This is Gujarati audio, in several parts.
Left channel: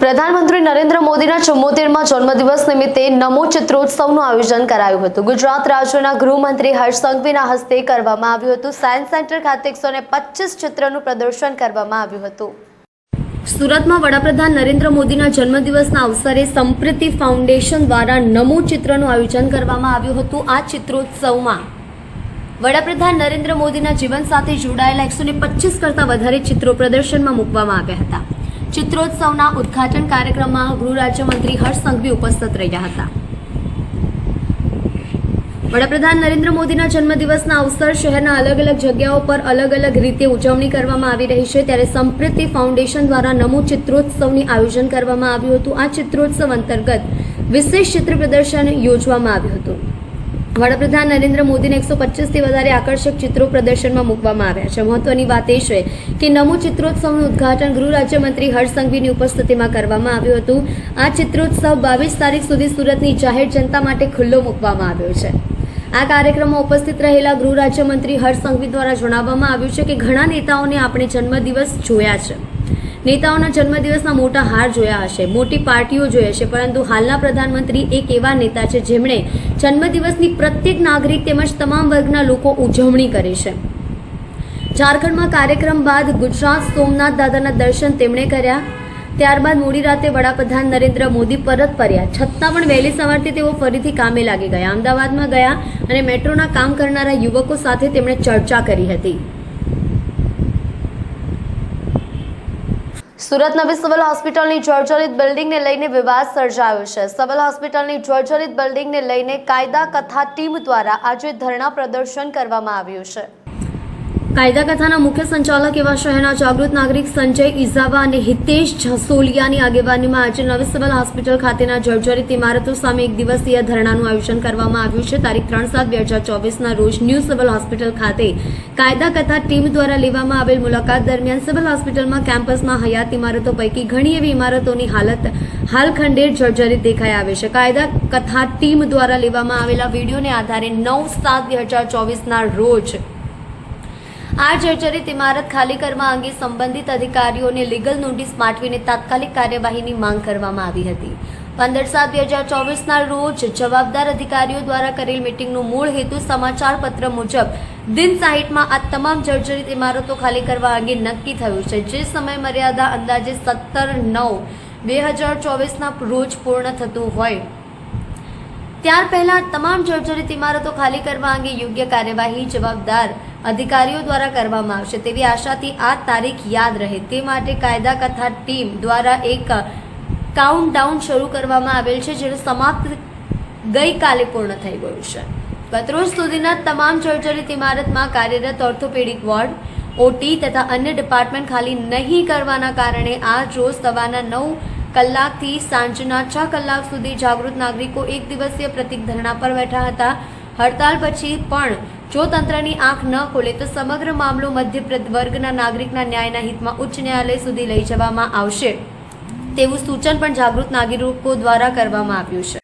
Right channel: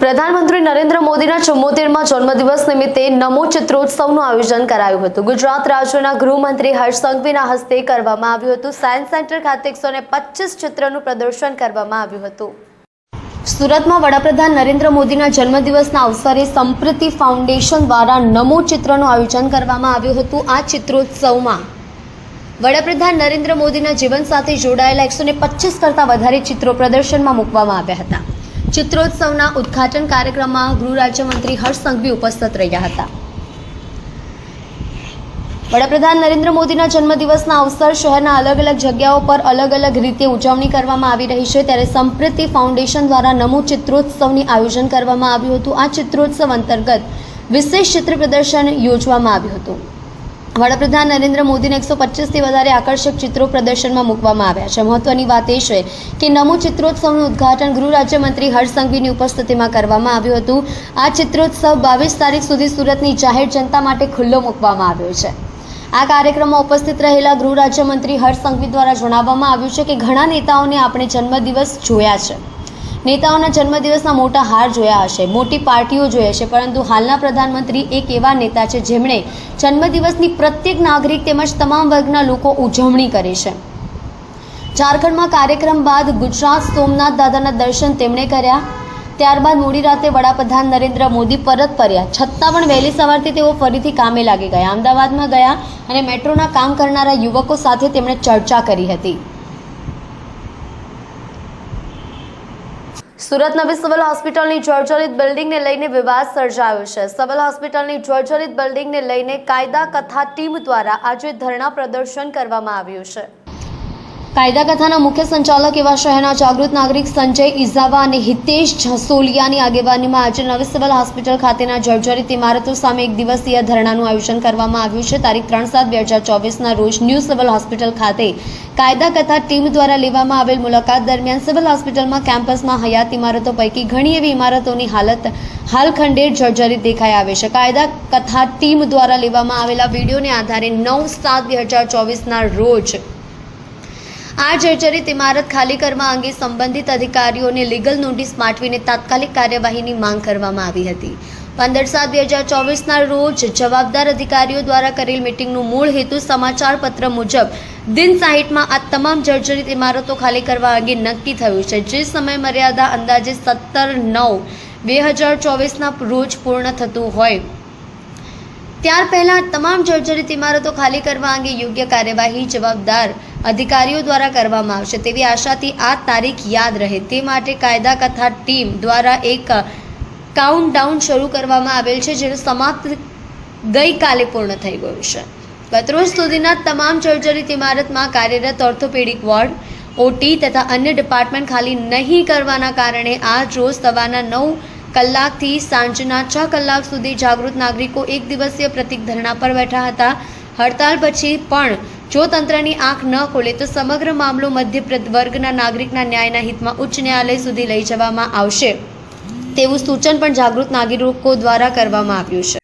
પ્રધાનમંત્રી નરેન્દ્ર મોદીના 74મા જન્મદિવસ નિમિત્તે નમો ચિત્રોત્સવનું આયોજન કરાયું હતું। ગુજરાત રાજ્યના ગૃહમંત્રી હર્ષ સંઘવીના હસ્તે કરવામાં આવ્યું હતું। સાયન્સ સેન્ટર ખાતે 125 ચિત્રનું પ્રદર્શન કરવામાં આવ્યું હતું। સુરતમાં વડાપ્રધાન નરેન્દ્ર મોદીના જન્મદિવસના અવસરે સંપ્રીતિ ફાઉન્ડેશન દ્વારા નમો ચિત્રનું આયોજન કરવામાં આવ્યું હતું। આ ચિત્રોત્સવમાં વડાપ્રધાન નરેન્દ્ર મોદીના જીવન સાથે જોડાયેલા 125 કરતાં વધારે ચિત્રો પ્રદર્શનમાં મૂકવામાં આવ્યા હતા। ચિત્રોત્સવના ઉદ્ઘાટન કાર્યક્રમમાં ગૃહ રાજ્યમંત્રી હર્ષ સંઘવી ઉપસ્થિત રહ્યા હતા। વડાપ્રધાન નરેન્દ્ર મોદીના જન્મદિવસના અવસર શહેરના અલગ અલગ જગ્યાઓ પર અલગ અલગ રીતે ઉજવણી કરવામાં આવી રહી છે, ત્યારે સંપ્રીતિ ફાઉન્ડેશન દ્વારા નમો ચિત્રોત્સવનું આયોજન કરવામાં આવ્યું હતું। આ ચિત્રોત્સવ અંતર્ગત વિશેષ ચિત્ર પ્રદર્શન યોજવામાં આવ્યું હતું। વડાપ્રધાન નરેન્દ્ર મોદીને 125થી વધારે આકર્ષક ચિત્રો પ્રદર્શનમાં મૂકવામાં આવ્યા છે। મહત્વની વાત એ છે કે નમો ચિત્રોત્સવનું ઉદ્ઘાટન ગૃહ રાજ્યમંત્રી હર્ષ સંઘવીની ઉપસ્થિતિમાં કરવામાં આવ્યું હતું। આ ચિત્રોત્સવ 22 તારીખ સુધી સુરતની જાહેર જનતા માટે ખુલ્લો મૂકવામાં આવ્યો છે। આ કાર્યક્રમમાં ઉપસ્થિત રહેલા ગૃહ રાજ્યમંત્રી હર્ષ સંઘવી દ્વારા જણાવવામાં આવ્યું છે કે ઘણા નેતાઓને આપણે જન્મદિવસ જોયા છે, નેતાઓના જન્મદિવસના મોટા હાર જોયા હશે, મોટી પાર્ટીઓ જોઈ હશે, પરંતુ હાલના પ્રધાનમંત્રી એક એવા નેતા છે જેમણે જન્મદિવસની પ્રત્યેક નાગરિક તેમજ તમામ વર્ગના લોકો ઉજવણી કરે છે। ઝારખંડમાં કાર્યક્રમ બાદ ગુજરાત સોમનાથ દાદાના દર્શન તેમણે કર્યા। ત્યારબાદ મોડી રાતે વડાપ્રધાન નરેન્દ્ર મોદી પરત ફર્યા, છતાં પણ વહેલી સવારથી તેઓ ફરીથી કામે લાગી ગયા। અમદાવાદમાં ગયા અને મેટ્રોના કામ કરનારા યુવકો સાથે તેમણે ચર્ચા કરી હતી। સુરત નવી સિવિલ હોસ્પિટલની જર્જરિત બિલ્ડિંગને લઈને વિવાદ સર્જાયો છે। સિવિલ હોસ્પિટલની જર્જરિત બિલ્ડિંગને લઈને કાયદા કથા ટીમ દ્વારા આજે ધરણા પ્રદર્શન કરવામાં આવ્યું છે। કાયદા કથાના મુખ્ય સંચાલક એવા શહેરના જાગૃત નાગરિક સંજય ઇઝાવા અને હિતેશ જસોલિયાની આગેવાનીમાં આજે નવી સિવિલ હોસ્પિટલ ખાતેના જર્જરિત ઇમારતો સામે એક દિવસીય ધરણાનું આયોજન કરવામાં આવ્યું છે। તારીખ 3/7/2024ના રોજ ન્યૂ સિવિલ હોસ્પિટલ ખાતે કાયદા કથા ટીમ દ્વારા લેવામાં આવેલ મુલાકાત દરમિયાન સિવિલ હોસ્પિટલમાં કેમ્પસમાં હયાત ઇમારતો પૈકી ઘણી એવી ઇમારતોની હાલત હાલ ખંડેર જર્જરિત દેખાઈ આવે છે। કાયદા કથા ટીમ દ્વારા લેવામાં આવેલા વિડીયોને આધારે 9/7/2024ના રોજ આ જર્જરિત ઇમારત ખાલી કરવા અંગે સંબંધિત અધિકારીઓને લીગલ નોટિસ પાઠવીને તાત્કાલિક કાર્યવાહીની માંગ કરવામાં આવી હતી। 15/7/2024ના રોજ જવાબદાર અધિકારીઓ દ્વારા કરેલ મીટિંગનું મૂળ હેતુ સમાચાર પત્ર મુજબ દિન 60માં આ તમામ જર્જરિત ઇમારતો ખાલી કરવા અંગે નક્કી થયું છે, જે સમય મર્યાદા અંદાજે 17/9/2024ના રોજ પૂર્ણ થતું હોય ત્યાર પહેલા તમામ જર્જરિત ઇમારતો ખાલી કરવા અંગે યોગ્ય કાર્યવાહી જવાબદાર અધિકારીઓ દ્વારા કરવામાં આવશે તેવી આશાથી આ તારીખ યાદ રહે તે માટે કાયદા કથા ટીમ દ્વારા એક કાઉન્ટડાઉન શરૂ કરવામાં આવેલ છે, જેનું સમાપ્ત ગઈકાલે પૂર્ણ થઈ ગયું છે। ગતરોજ સુધીના તમામ જર્જરિત ઇમારતમાં કાર્યરત ઓર્થોપેડિક વોર્ડ, ઓટી તથા અન્ય ડિપાર્ટમેન્ટ ખાલી નહીં કરવાના કારણે આજ રોજ સવારના 9 કલાકથી સાંજના 6 કલાક સુધી જાગૃત નાગરિકો એક દિવસીય પ્રતિક ધરણા પર બેઠા હતા। હડતાલ પછી પણ જો તંત્રની આંખ ન ખોલે તો સમગ્ર મામલો મધ્ય વર્ગના નાગરિકના ન્યાયના હિતમાં ઉચ્ચ ન્યાયાલય સુધી લઈ જવામાં આવશે તેવું સૂચન પણ જાગૃત નાગરિકો દ્વારા કરવામાં આવ્યું છે।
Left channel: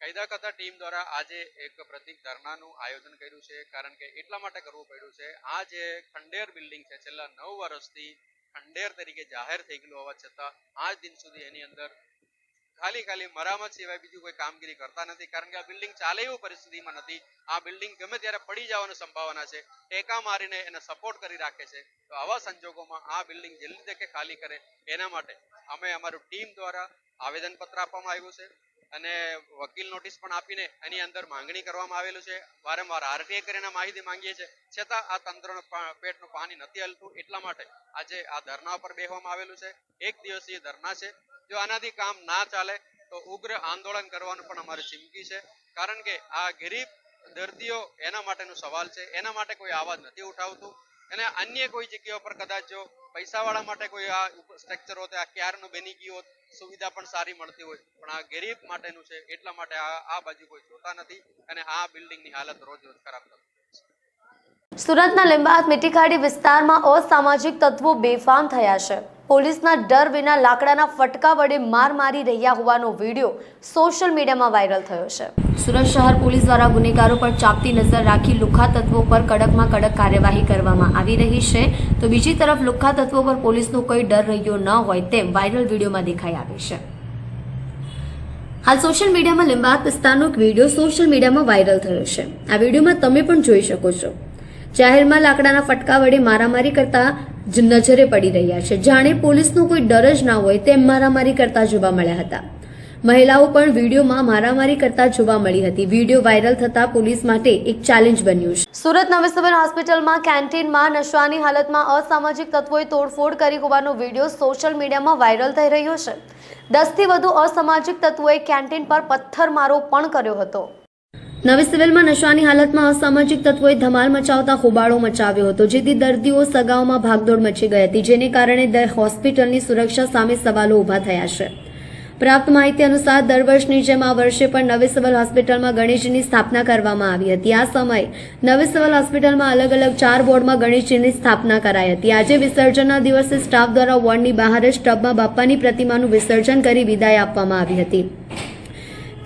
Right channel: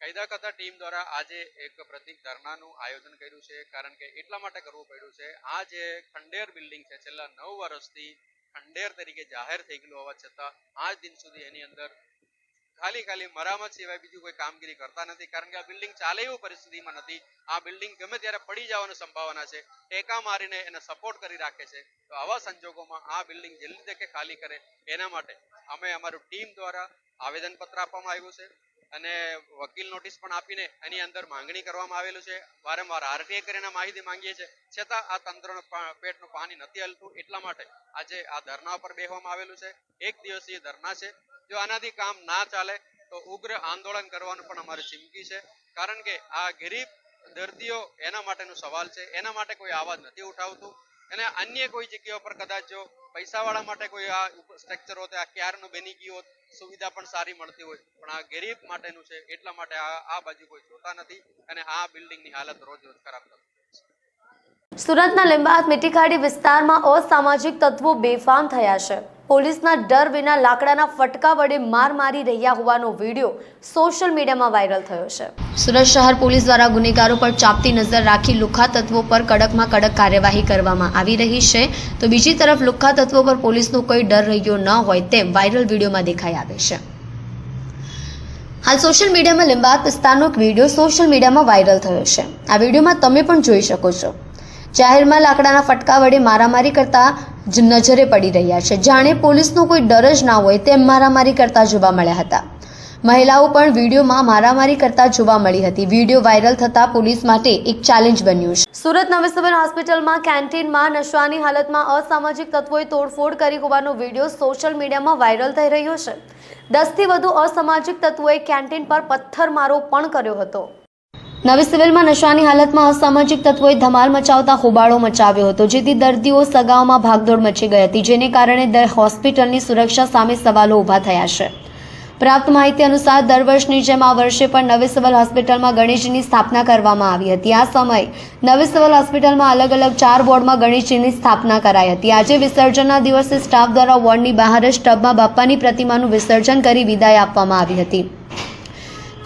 કાયદા કથા ટીમ દ્વારા આજે એક પ્રતિક ધરણાનું આયોજન કર્યું છે, કારણ કે એટલા માટે કરવું પડ્યું છે, આ જે ખંડેર બિલ્ડિંગ છે છેલ્લા 9 વર્ષથી ખંડેર તરીકે જાહેર થઈ ગયેલું હોવા છતાં આજ દિન સુધી એની અંદર ખાલી મરામત સિવાય બીજું કોઈ કામગીરી કરતા નથી, કારણ કે આ બિલ્ડિંગ ચાલે એવું પરિસ્થિતિમાં નથી। આ બિલ્ડિંગ ગમે ત્યારે પડી જવાની સંભાવના છે, ટેકા મારીને એને સપોર્ટ કરી રાખે છે। તો આવા સંજોગોમાં આ બિલ્ડિંગ જલ્દી તકે ખાલી કરે એના માટે અમે અમારું ટીમ દ્વારા આવેદનપત્ર આપવામાં આવ્યું છે અને વકીલ નોટિસ પણ આપીને એની અંદર માંગણી કરવામાં આવેલું છે। વારંવાર આરટીઆઈ કરીને માહિતી માંગીએ છીએ, છતાં આ તંત્રનું પેટનું પાણી નથી હલતું, એટલા માટે આજે આ ધરણા પર બેસવામાં આવેલું છે। એક દિવસીય ધરણા છે, જો આનાથી કામ ના ચાલે તો ઉગ્ર આંદોલન કરવાનું પણ અમારી ચીમકી છે, કારણ કે આ ગરીબ દર્દીઓ એના માટેનો સવાલ છે, એના માટે કોઈ અવાજ નથી ઉઠાવતું। અને અન્ય કોઈ જગ્યાઓ પર કદાચ જો પૈસાવાળા માટે કોઈ આ સ્ટ્રક્ચર હોત, આ ક્યારનું બની ગયું હોત, સુવિધા પણ સારી મળતી હોય, પણ આ ગરીબ માટેનું છે, એટલા માટે આ બાજુ કોઈ જોતા નથી અને આ બિલ્ડિંગની હાલત રોજ રોજ ખરાબ થતી। સુરતના લીંબાયત મીઠીખાડી વિસ્તારમાં અસામાજિક તત્વો બેફામ થયા છે. પોલીસના ડર વિના લાકડાના ફટકા વડે માર મારી રહ્યા હોવાનો વિડીયો સોશિયલ મીડિયામાં વાયરલ થયો છે. સુરત શહેર પોલીસ દ્વારા ગુનેગારો પર ચાંપતી નજર રાખી લુખ્ખા તત્વો પર કડકમાં કડક કાર્યવાહી કરવામાં આવી રહી છે. તો બીજી તરફ લુખ્ખા તત્વો પર પોલીસનો કોઈ ડર રહ્યો ન હોય તેમ વાયરલ વિડીયોમાં દેખાઈ આવે છે. હાલ સોશિયલ મીડિયામાં લીંબાયત વિસ્તારનો એક વિડીયો સોશિયલ મીડિયામાં વાયરલ થયો છે. આ વિડીયોમાં તમે પણ જોઈ શકો છો. જાહેરમાં લાકડાના ફટકા વડે મારામારી કરતા જ નજરે પડી રહ્યા છે. જાણે પોલીસનો કોઈ ડર જ ના હોય તેમ મારામારી કરતા જોવા મળ્યા હતા. મહિલાઓ પણ વિડીયોમાં મારામારી કરતા જોવા મળી હતી. વિડીયો વાયરલ થતા પોલીસ માટે એક ચેલેન્જ બન્યું છે. સુરત નવી સિવિલ હોસ્પિટલમાં કેન્ટીનમાં નશાની હાલતમાં અસામાજિક તત્વોએ તોડફોડ કરી હોવાનો વિડીયો સોશિયલ મીડિયામાં વાયરલ થઈ રહ્યો છે. 10 થી વધુ અસામાજિક તત્વોએ કેન્ટીન પર પથ્થરમારો પણ કર્યો હતો. નવી સિવિલમાં નશાની હાલતમાં અસામાજિક તત્વોએ ધમાલ મચાવતા હોબાળો મચાવ્યો હતો, જેથી દર્દીઓ સગાઓમાં ભાગદોડ મચી ગઈ હતી, જેને કારણે હોસ્પિટલની સુરક્ષા સામે સવાલો ઊભા થયા છે. પ્રાપ્ત માહિતી અનુસાર દર વર્ષની જેમ આ વર્ષે પણ નવી સિવિલ હોસ્પિટલમાં ગણેશજીની સ્થાપના કરવામાં આવી હતી. આ સમયે નવી સિવિલ હોસ્પિટલમાં અલગ અલગ 4 વોર્ડમાં ગણેશજીની સ્થાપના કરાઈ હતી. આજે વિસર્જનના દિવસે સ્ટાફ દ્વારા વોર્ડની બહાર જ ટબમાં બાપ્પાની પ્રતિમાનું વિસર્જન કરી વિદાય આપવામાં આવી હતી.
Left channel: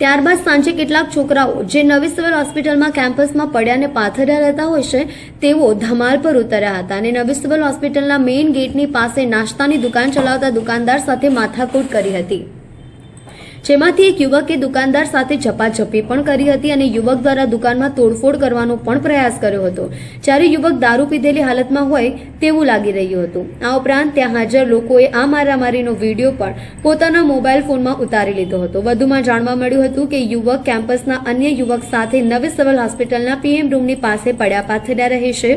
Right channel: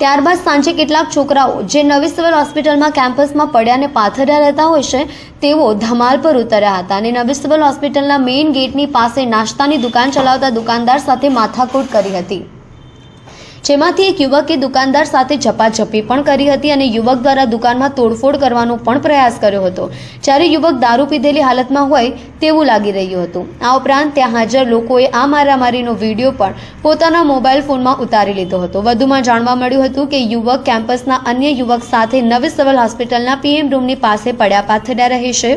ત્યારબાદ સાંજે કેટલાક છોકરાઓ જે નવી સિવિલ હોસ્પિટલમાં કેમ્પસમાં પડ્યા અને પાથર્યા રહેતા હોય છે તેઓ ધમાલ પર ઉતર્યા હતા અને નવી સિવિલ હોસ્પિટલના મેઇન ગેટની પાસે નાસ્તાની દુકાન ચલાવતા દુકાનદાર સાથે માથાકૂટ કરી હતી, જેમાંથી એક યુવકે દુકાનદાર સાથે ઝપાઝપી પણ કરી હતી અને યુવક દ્વારા દુકાનમાં તોડફોડ કરવાનો પણ પ્રયાસ કર્યો હતો, જ્યારે યુવક દારૂ પીધેલી હાલતમાં હોય તેવું લાગી રહ્યું હતું. આ ઉપરાંત ત્યાં હાજર લોકોએ આ મારામારીનો વિડીયો પણ પોતાના મોબાઈલ ફોનમાં ઉતારી લીધો હતો. વધુમાં જાણવા મળ્યું હતું કે યુવક કેમ્પસના અન્ય યુવક સાથે નવી સિવિલ હોસ્પિટલના પીએમ રૂમની પાસે પડ્યા પાથર્યા રહે છે,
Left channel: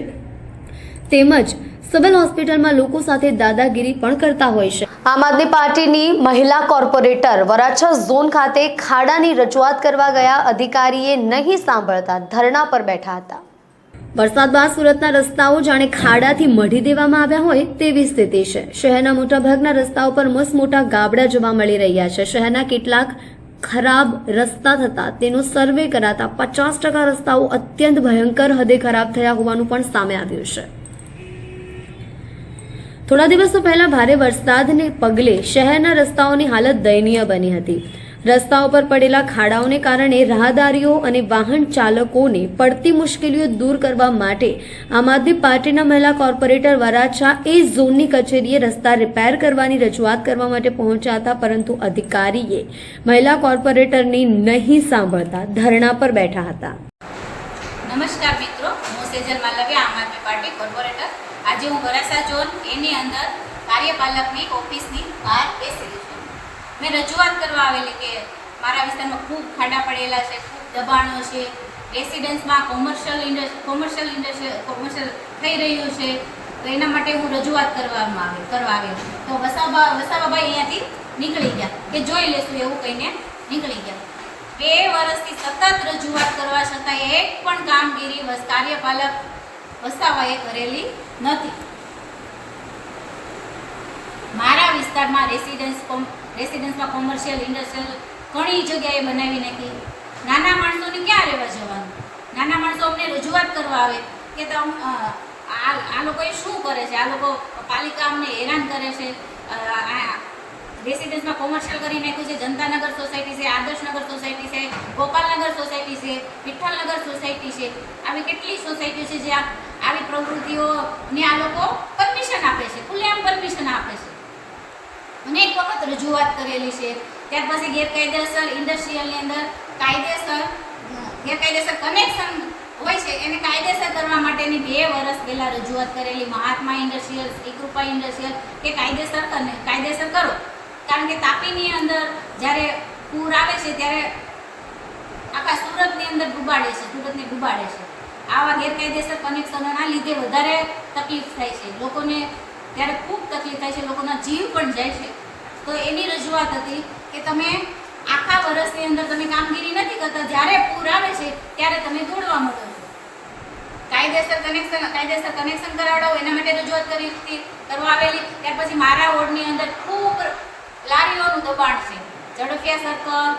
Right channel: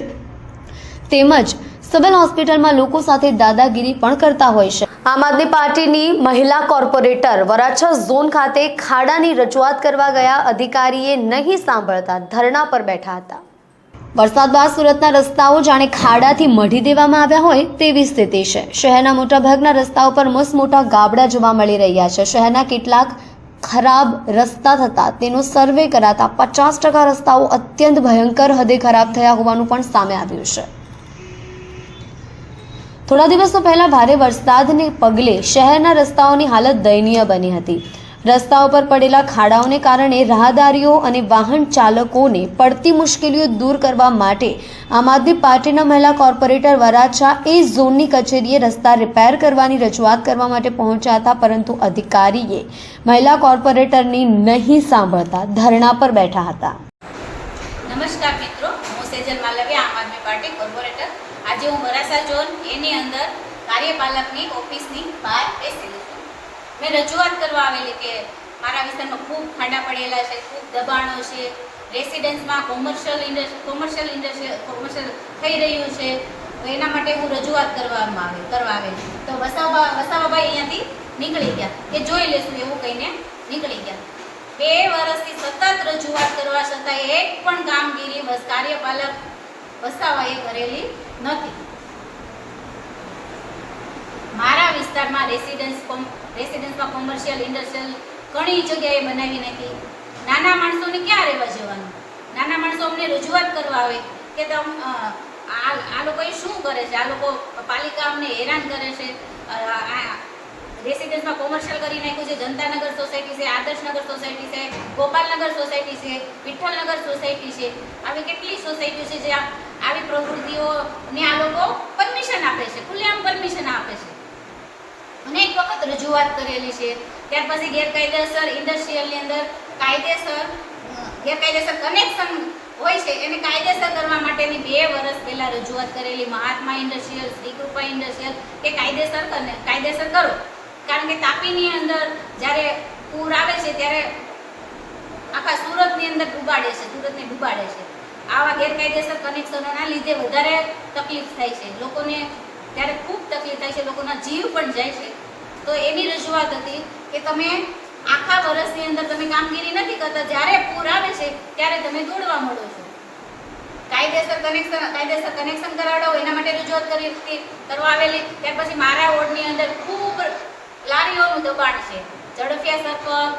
તેમજ સિવિલ હોસ્પિટલમાં લોકો સાથે દાદાગીરી પણ કરતા હોય છે. આમ આદમી પાર્ટીની મહિલા કોર્પોરેટર વરાછા ઝોન ખાતે ખાડાની રજૂઆત કરવા ગયા અધિકારીએ નહીં સાંભળતા ધરણા પર બેઠા હતા. વરસાદ બાદ સુરતના રસ્તાઓ જાણે ખાડાથી મઢી દેવામાં આવ્યા હોય તેવી સ્થિતિ છે. શહેરના મોટાભાગના રસ્તાઓ પર મસમોટા ગાબડા જોવા મળી રહ્યા છે. શહેરના કેટલાક ખરાબ રસ્તા થતા તેનો સર્વે કરાતા 50% રસ્તાઓ અત્યંત ભયંકર હદે ખરાબ થયા હોવાનું પણ સામે આવ્યું છે. થોડા દિવસો પહેલા ભારે વરસાદને પગલે શહેરના રસ્તાઓની હાલત દયનીય બની હતી. રસ્તાઓ પર પડેલા ખાડાઓને કારણે રાહદારીઓ અને વાહન ચાલકોને પડતી મુશ્કેલીઓ દૂર કરવા માટે આમ આદમી પાર્ટીના મહિલા કોર્પોરેટર વરાછા એ ઝોનની કચેરીએ રસ્તા રિપેર કરવાની રજૂઆત કરવા માટે પહોંચ્યા હતા, પરંતુ અધિકારીએ મહિલા કોર્પોરેટરની નહીં સાંભળતા ધરણા પર બેઠા હતા. નમસ્કાર મિત્રો, હું સેજલ માલવિયા, આમ આદમી પાર્ટી કોર્પોરેટર. આજે હું વરાછા ઝોન એની અંદર કાર્યપાલકની ઓફિસની બહાર બેસેલી છું. મેં રજૂઆત કરવા આવેલી કે મારા વિસ્તારમાં ખૂબ ખાડા પડેલા છે, ખૂબ દબાણો છે, રેસિડેન્સમાં કોમર્શિયલ થઈ રહ્યું છે, તો એના માટે હું રજૂઆત કરવા આવેલી. તો વસાવાભાઈ અહીંયાથી નીકળી ગયા કે જોઈ લેશું એવું કહીને નીકળી ગયા. 2 વર્ષથી સતત રજૂઆત કરવા છતાં એક પણ કામગીરી કાર્યપાલક વસાવાએ કરેલી નથી. મારા વિસ્તારમાં રેસિડેન્સમાં કોમર્શિયલ ઇન્ડસ્ટ્રીયલ ઘણી જગ્યાએ બનાવી નાખી. નાના માણસોને ક્યાં રહેવા જવાનું? નાના માણસો અમને રજૂઆત કરવા આવે કે આ લોકોએ શું કરે છે, આ લોકો પાલિકા અમને હેરાન કરે છે. રેસિડેન્સમાં કોમર્શિયલ કરી નાખ્યું છે. જનતાનગર સોસાયટી છે, આદર્શનગર સોસાયટી છે, ગોપાલનગર સોસાયટી છે, વિઠ્ઠલનગર સોસાયટી છે. આવી કેટલી સોસાયટીઓ છે જ્યાં આવી પ્રવૃત્તિઓને આ લોકો પરમિશન આપે છે, ખુલ્લેઆમ પરમિશન આપે છે. અનેક વખત રજૂઆત કરેલી છે. ત્યાર પછી ગેરકાયદેસર ઇન્ડસ્ટ્રીયલની અંદર ગેરકાયદેસર કનેક્શન હોય છે એને કાયદેસર કરવા માટેની 2 વર્ષ પહેલાં રજૂઆત કરેલી. મહાત્મા ઇન્ડસ્ટ્રીયલ, શ્રીકૃપા ઇન્ડસ્ટ્રીયલ કે કાયદેસર કરો. કારણ કે તાપીની અંદર જ્યારે પૂર આવે છે ત્યારે આખા સુરતની અંદર ડૂબાડે છે. આવા ગેરકાયદેસર કનેક્શનોના લીધે વધારે તકલીફ થાય છે લોકોને, ત્યારે ખૂબ તકલીફ થાય છે, લોકોના જીવ પણ જાય છે. તો એની રજૂઆત હતી કે તમે આખા વર્ષની અંદર તમે કામગીરી નથી કરતા, જ્યારે પૂર આવે છે ત્યારે તમે દોડવા મળો છો. કાયદેસર કનેક્શન કરાવડાવો એના માટે રજૂઆત કરવા આવેલી. ત્યાર પછી મારા વોર્ડની અંદર ખૂબ લારીઓનું દબાણ છે. ઝડફિયા સર્કલ,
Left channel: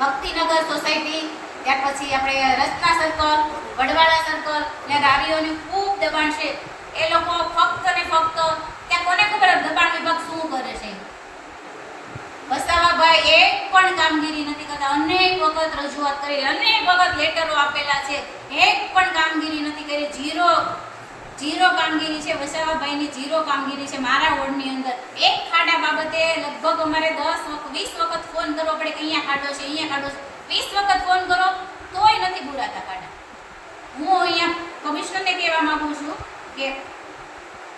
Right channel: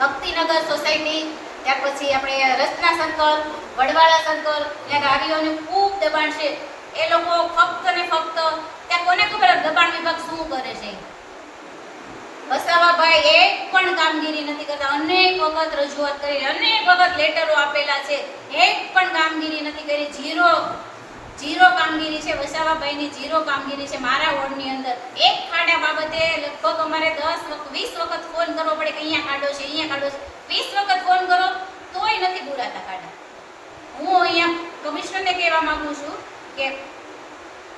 ભક્તિનગર સોસાયટી, ત્યાર પછી આપણે રચના સર્કલ, વડવાળા સર્કલ, ત્યાં ગાડીઓનું ખૂબ દબાણ છે. એ લોકો ફક્ત ને ફક્ત ત્યાં કોને ખબર દબાણ વિભાગ શું કરે છે. વસાવાભાઈ એક પણ કામગીરી નથી કરતા. અનેક વખત રજૂઆત કરી, અનેક વખત લેટરો આપેલા છે, એક પણ કામગીરી નથી કરી. ઝીરો કામગીરી છે વસાવાભાઈની, ઝીરો કામગીરી છે. મારા વોર્ડની અંદર એક ખાડા બાબતે લગભગ અમારે 10-20 વખત ફોન કરવો પડે કે અહીંયા ખાડો છે, અહીંયા ખાડો છે. 20 વખત ફોન કરો તોય નથી પૂરાતા ખાડા. હું અહીંયા કમિશનરને કહેવા માંગુ છું કે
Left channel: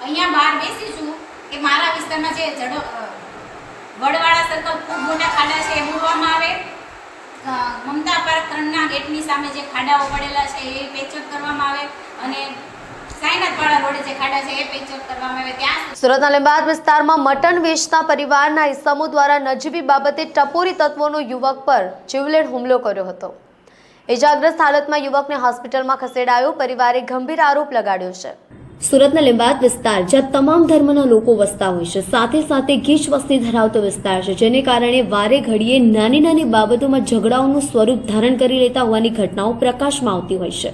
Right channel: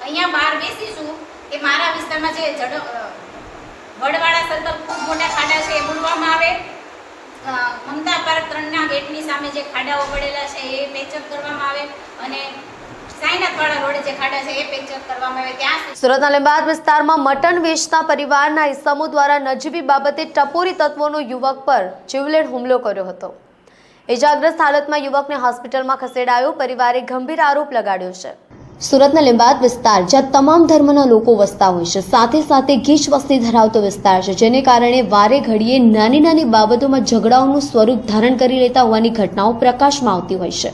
અહીંયા બહાર બેસી છું કે મારા વિસ્તારમાં જે વડવાળા સર્કલ ખૂબ મોટા ખાડા છે એ મૂળવામાં આવે. મમતા પાર્ક 3ના ગેટની સામે જે ખાડાઓ પડેલા છે એ પેચઅપ કરવામાં આવે અને સાઈનાથવાળા રોડે જે ખાડા છે એ પેચઅપ કરવામાં આવે. ત્યાં સુરતના લીંબાયત વિસ્તારમાં મટન વેચતા પરિવારના ઇસમો દ્વારા નજીવી બાબતે ટપોરી તત્વોનો યુવક પર જીવલેણ હુમલો કર્યો હતો. ઇજાગ્રસ્ત હાલતમાં યુવકને હોસ્પિટલમાં ખસેડાયો. પરિવારે ગંભીર આરોપ લગાડ્યો છે. સુરતના લીંબાયત વિસ્તાર જ્યાં તમામ ધર્મના લોકો વસતા હોય છે, સાથે સાથે ગીચ વસ્તી ધરાવતો વિસ્તાર છે, જેને કારણે વારે ઘડીએ નાની નાની બાબતોમાં ઝઘડાઓનું સ્વરૂપ ધારણ કરી લેતા હોવાની ઘટનાઓ પ્રકાશમાં આવતી હોય છે.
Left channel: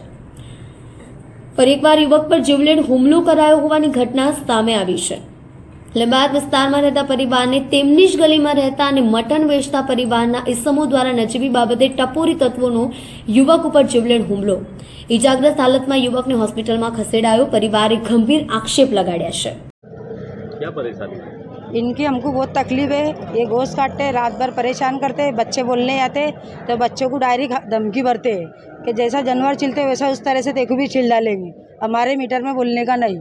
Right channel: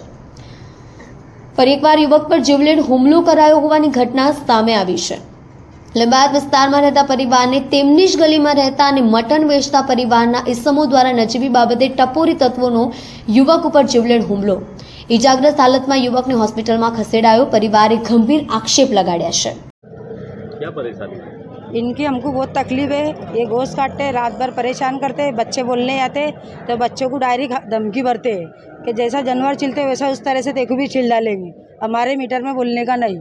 ફરી એકવાર યુવક પર જીવલેણ હુમલો કરાયો હોવાની ઘટના સામે આવી છે. લીંબાયત વિસ્તારમાં રહેતા પરિવારને તેમની જ ગલીમાં રહેતા અને મટન વેચતા પરિવારના ઇસમો દ્વારા નજીવી બાબતે ટપોરી તત્વોનો યુવક ઉપર જીવલેણ હુમલો. ઇજાગ્રસ્ત હાલતમાં યુવકને હોસ્પિટલમાં ખસેડાયો. પરિવારે ગંભીર આક્ષેપ લગાડ્યા છે. क्या परेशानी है? इनकी हमको बहुत तकलीफ है. ये गोश्त काटते हैं, रात भर परेशान करते हैं, बच्चे बोलने आते तो बच्चों को डायरेक्ट धमकी भरते हैं कि जैसा जानवर चिल्ते वैसा उस तरह से तेको भी चिल डालेंगे, हमारे मीटर में बोलने का नहीं.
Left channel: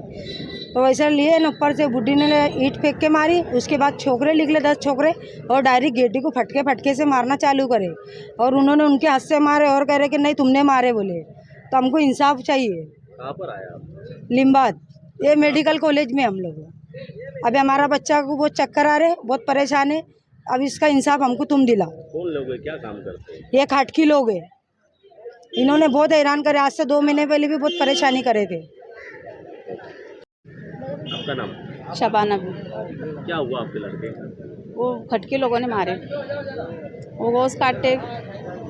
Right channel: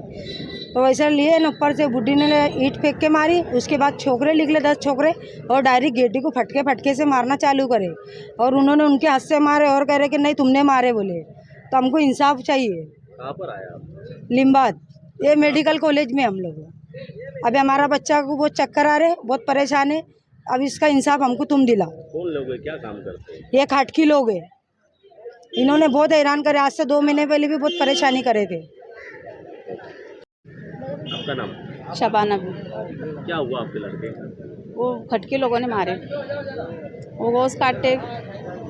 तो वैसा लिए न ऊपर से बुढ़ी ने ईंट फेंक के मारी. उसके बाद छोकरे निकले 10 छोकरे और डायरेक्ट गेटी को फटके से मारना चालू करे और उन्होंने उनके हाथ से मारे और कह रहे कि नहीं तुमने मारे बोले. तो हमको इंसाफ चाहिए. कहाँ पर आया आप? लिम्बायत, ये मेडिकल कॉलेज में हम लोग. अभी हमारा बच्चा को बहुत चक्कर आ रहे, बहुत परेशान है. अब इसका इंसाफ हमको तुम दिलाओ. कौन लोग हैं, क्या काम करते हैं? ये खाटकी लोग हैं. इन्होंने बहुत हैरान करे. आज से 2 महीने पहले भी बहुत परेशानी करे थे. आपका नाम? शबाना भी. क्या हुआ आपके लड़के? वो खटके लोगों ने मारे. वो गोश्त काटते,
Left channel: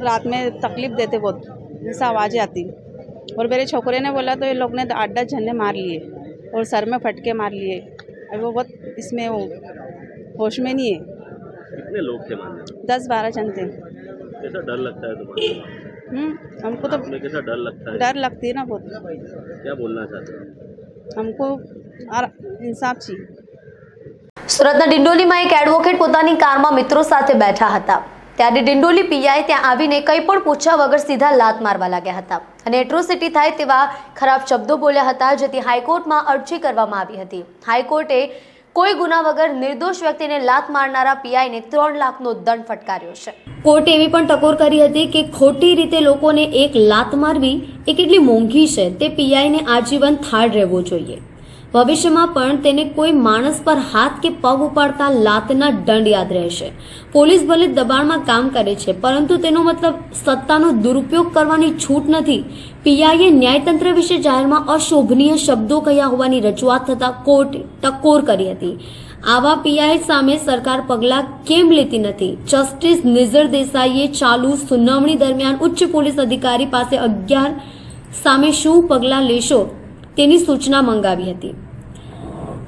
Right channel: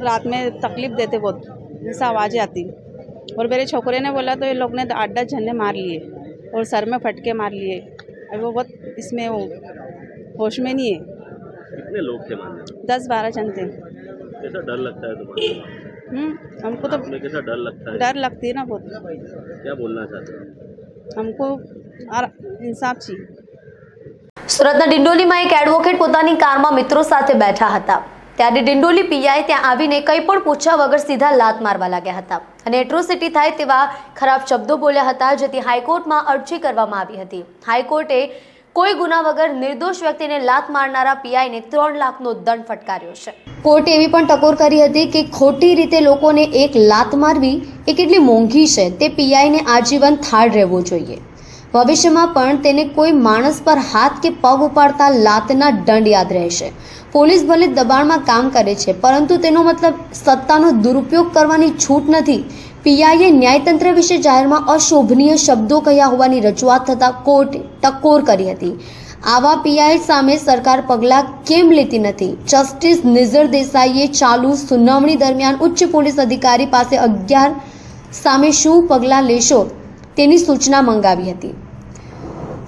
रात में तकलीफ देते, बहुत जैसा आवाज़ें आती. और मेरे छोकरे ने बोला तो ये लोग ने 8-10 झन्ने मार लिए और सर में फटके मार लिए. अब वो बहुत इसमें वो होश में नहीं है. कितने लोग थे मारने में? 10-12 जन थे. कैसा डर लगता है तुम्हारे? हमको तो तुम्हें कैसा डर लगता है? डर लगती है ना बहुत. क्या बोलना चाहते हो? हमको इंसाफ चाहिए. સુરતના ડિંડોલીમાં એક એડવોકેટ પોતાની કારમાં મિત્રો સાથે બેઠા હતા, ત્યારે ડિંડોલી પીઆઈ ત્યાં આવીને કંઈ પણ પૂછ્યા વગર સીધા લાત મારવા લાગ્યા હતા અને એટ્રોસિટી થાય તેવા ખરાબ શબ્દો બોલ્યા હતા, જેથી હાઈકોર્ટમાં અરજી કરવામાં આવી હતી. હાઈકોર્ટે કોઈ ગુના વગર નિર્દોષ વ્યક્તિને લાત મારનારા પીઆઈને 3 લાખનો દંડ ફટકાર્યો છે. કોર્ટે એવી પણ ટકોર કરી હતી કે ખોટી રીતે લોકોને એક લાત મારવી એ કેટલી મોંઘી છે, તે પીઆઈને આજીવન થાળ રહેવો જોઈએ. ભવિષ્યમાં પણ તેને કોઈ માણસ પર હાથ કે પગ ઉપાડતા લાતના દંડ યાદ રહેશે. પોલીસ ભલે દબાણમાં કામ કરે છે, પરંતુ તેનો મતલબ સત્તાનો દુરુપયોગ કરવાની છૂટ નથી. પીઆઈએ ન્યાયતંત્ર વિશે જાહેરમાં અશોભનીય શબ્દો કહ્યા હોવાની રજૂઆત થતાં કોર્ટે ટકોર કરી હતી. આવા પીઆઈ સામે સરકાર પગલાં કેમ લેતી નથી? જસ્ટિસ નિઝર દેસાઈએ ચાલુ સુનાવણી દરમિયાન ઉચ્ચ પોલીસ અધિકારી પાસે 11 સામે શું પગલાં લેશો તેની સૂચના મંગાવી હતી.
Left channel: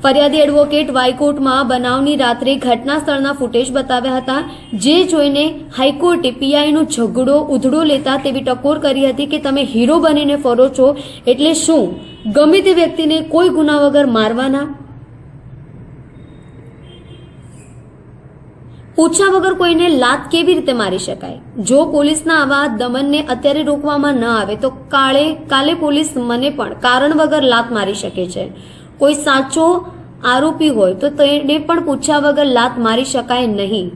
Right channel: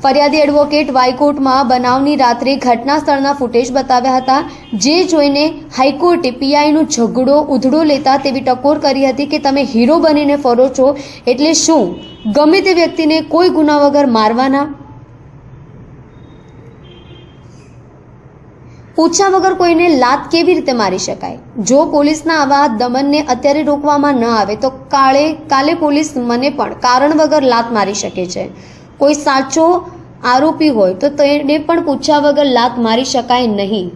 ફરિયાદી એડવોકેટ હાઈકોર્ટમાં બનાવની રાત્રે ઘટના સ્થળના ફૂટેજ બતાવ્યા હતા, જે જોઈને હાઈકોર્ટે પીઆઈનો ઝઘડો ઉધડો લેતા તેવી ટકોર કરી હતી કે તમે હીરો બનીને ફરો છો એટલે શું ગમે તે વ્યક્તિને કોઈ ગુના વગર મારવાના? પૂછ્યા વગર કોઈને લાત કેવી રીતે મારી શકાય? જો પોલીસના આવા દમનને અત્યારે રોકવામાં ન આવે તો કાલે પોલીસ મને પણ કારણ વગર લાત મારી શકે છે. કોઈ સાચો આરોપી હોય તો તેને પણ પૂછ્યા વગર લાત મારી શકાય નહીં.